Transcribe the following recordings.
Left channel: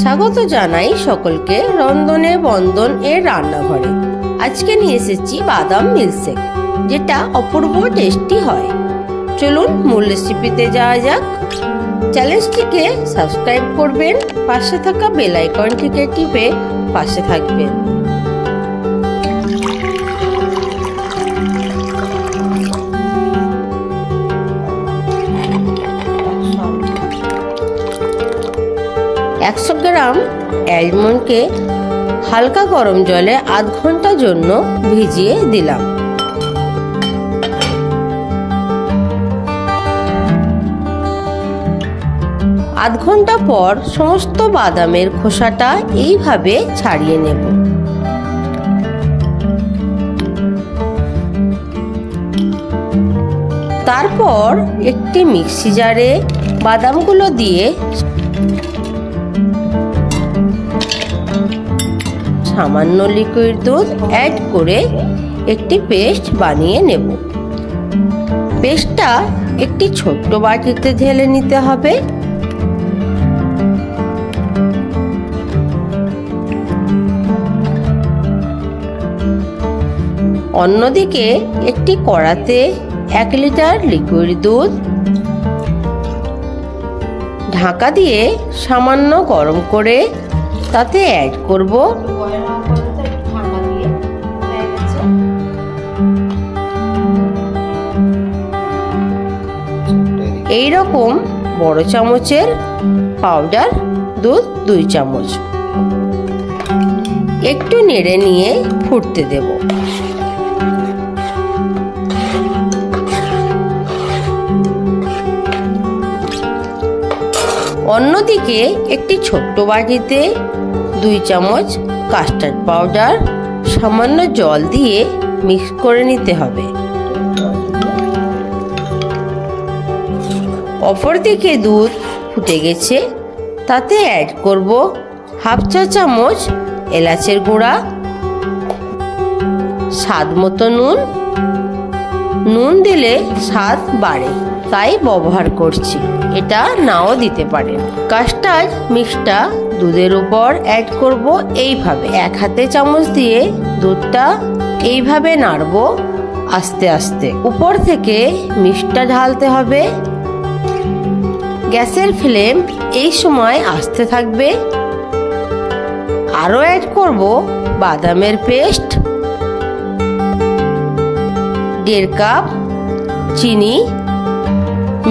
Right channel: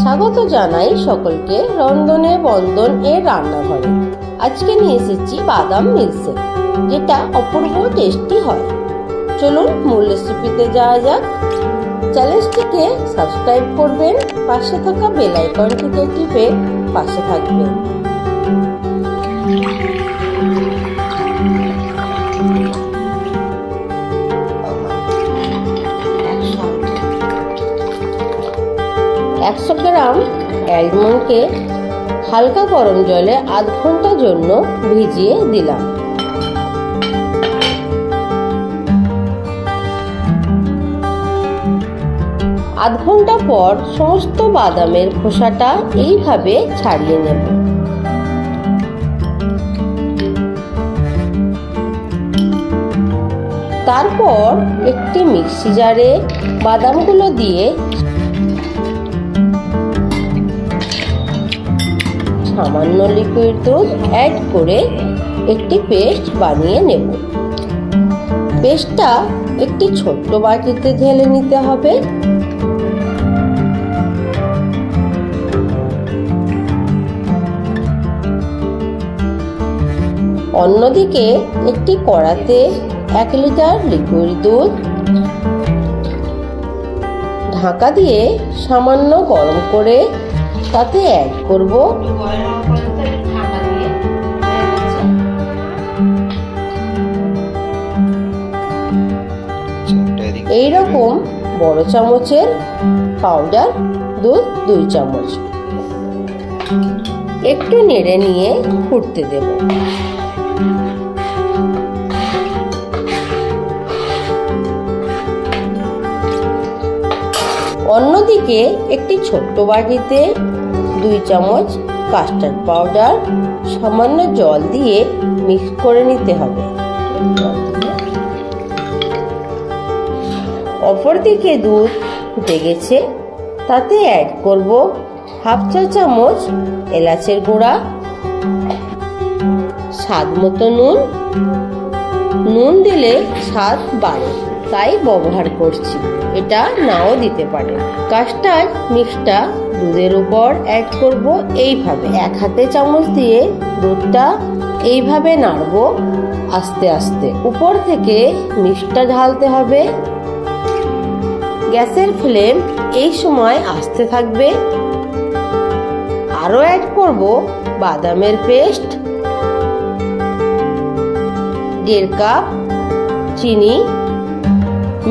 স্বাগত জানাই সকলকে রন্ধনে বন্দন এর রান্নাঘরে। আজকে নিয়ে এসেছি বাদাম মিল্কশেক, যেটা অপূর্ব টেস্টি হয়। চলুন মূল রেসিপিতে যাওয়া যাক। চ্যানেলটিকে সাবস্ক্রাইব করবেন, পাশে থাকা বেল আইকনটিকে টিপে পাশে থাকবেন। অ্যালমন্ডকে হালকা গরম জলে আধ ঘন্টার জন্য ভিজিয়ে দিলাম। আধ ঘন্টা পর সমস্ত বাদামের খোসাটা এইভাবে ছাড়িয়ে নেব। তারপর একটি মিক্সি জারে বাদামগুলো দিয়ে সামান্য লিকুইড দুধ অ্যাড করে একটি পেস্ট বানিয়ে নেব। পেস্টটা একটি ছোট্ট বাটিতে ঢেলে নিতে হবে। অন্যদিকে একটি কড়াতে 1 লিটার লিকুইড দুধ ঢাকা দিয়ে সামান্য গরম করে তাতে অ্যাড করব এইরকম বড় চামচের পাউডার দুধ 2 চামচ। একটু নেড়ে নিয়ে ফুটতে দেব। অন্যদিকে একটি ছোট্ট বাটিতে 2 চামচ কাস্টার্ড পাউডার সামান্য জল দিয়ে মিক্স করে নিতে হবে। অপরদিকে দুধ ফুটে গেছে, তাতে অ্যাড করব হাফ চা চামচ এলাচের গুঁড়া, স্বাদ মতো নুন দিলে স্বাদ বাড়ে তাই ব্যবহার করছি, এটা নাও দিতে পারেন। কাস্টার্ড মিক্সটা দুধের উপর অ্যাড করব এইভাবে। 1 হাতে চামচ দিয়ে দুধটা এইভাবে নাড়ব আস্তে আস্তে। উপর থেকে মিক্সটা ঢালতে হবে। গ্যাসের ফ্লেম এই সময় আস্তে থাকবে। আরো অ্যাড করব বাদামের পেস্ট, 1.5 কাপ চিনি।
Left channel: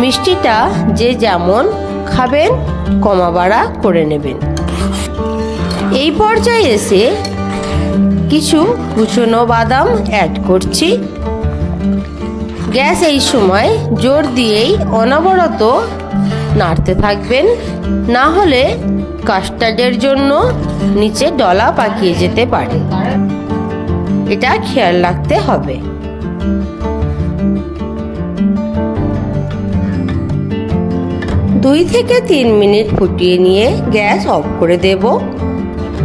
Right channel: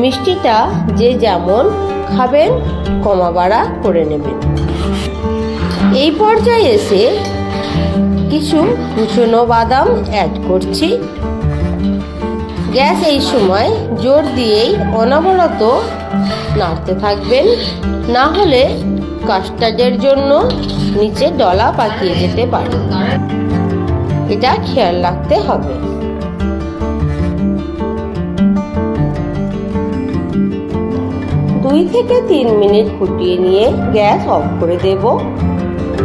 মিষ্টিটা যে যেমন খাবেন কমা বাড়া করে নেবেন। এই পর্যায়ে এসে কিছু কুচনো বাদাম অ্যাড করছি। গ্যাস এই সময় জোর দিয়েই অনবরত নাড়তে থাকবেন, না হলে কাস্টার্ডের জন্য নিচে ডলা পাকিয়ে যেতে পারে, এটা খেয়াল রাখতে হবে। দুই থেকে 3 মিনিট ফুটিয়ে নিয়ে গ্যাস অফ করে দেব।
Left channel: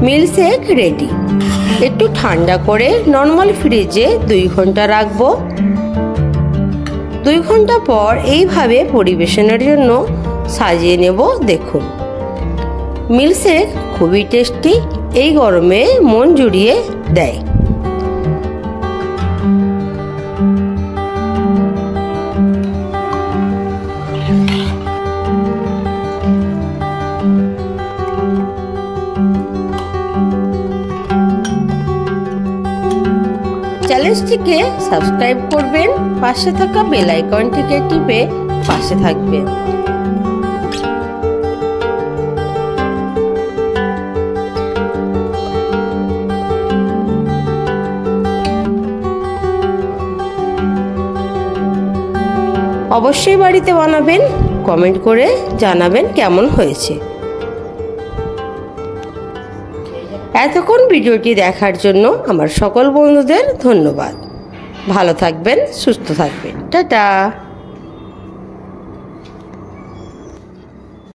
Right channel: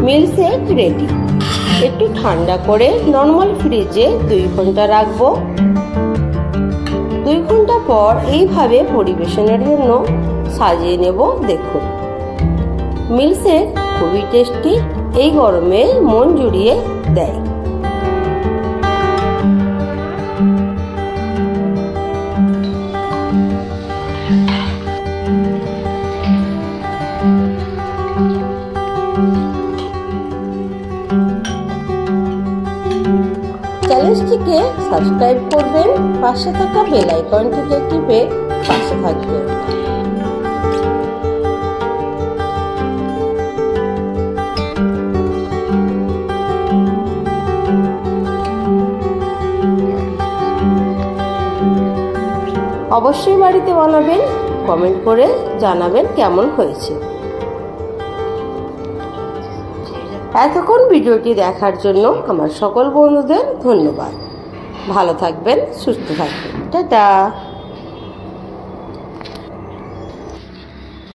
Milkshake ready. একটু ঠান্ডা করে নরমাল ফ্রিজে 2 ঘন্টা রাখবো। 2 ঘন্টা পর এইভাবে পরিবেশনের জন্য সাজিয়ে নেব। দেখুন, মিল্কশেক খুবই টেস্টি, এই গরমে মন জুড়িয়ে দেয়। চ্যানেলটিকে সাবস্ক্রাইব করবেন, পাশে থাকা বেল আইকনটিকে টিপে পাশে থাকবেন। অবশ্যই বাড়িতে বানাবেন, কমেন্ট করে জানাবেন কেমন হয়েছে। এতক্ষণ ভিডিওটি দেখার জন্য আমার সকল বন্ধুদের ধন্যবাদ। ভালো থাকবেন, সুস্থ থাকবেন। টাটা।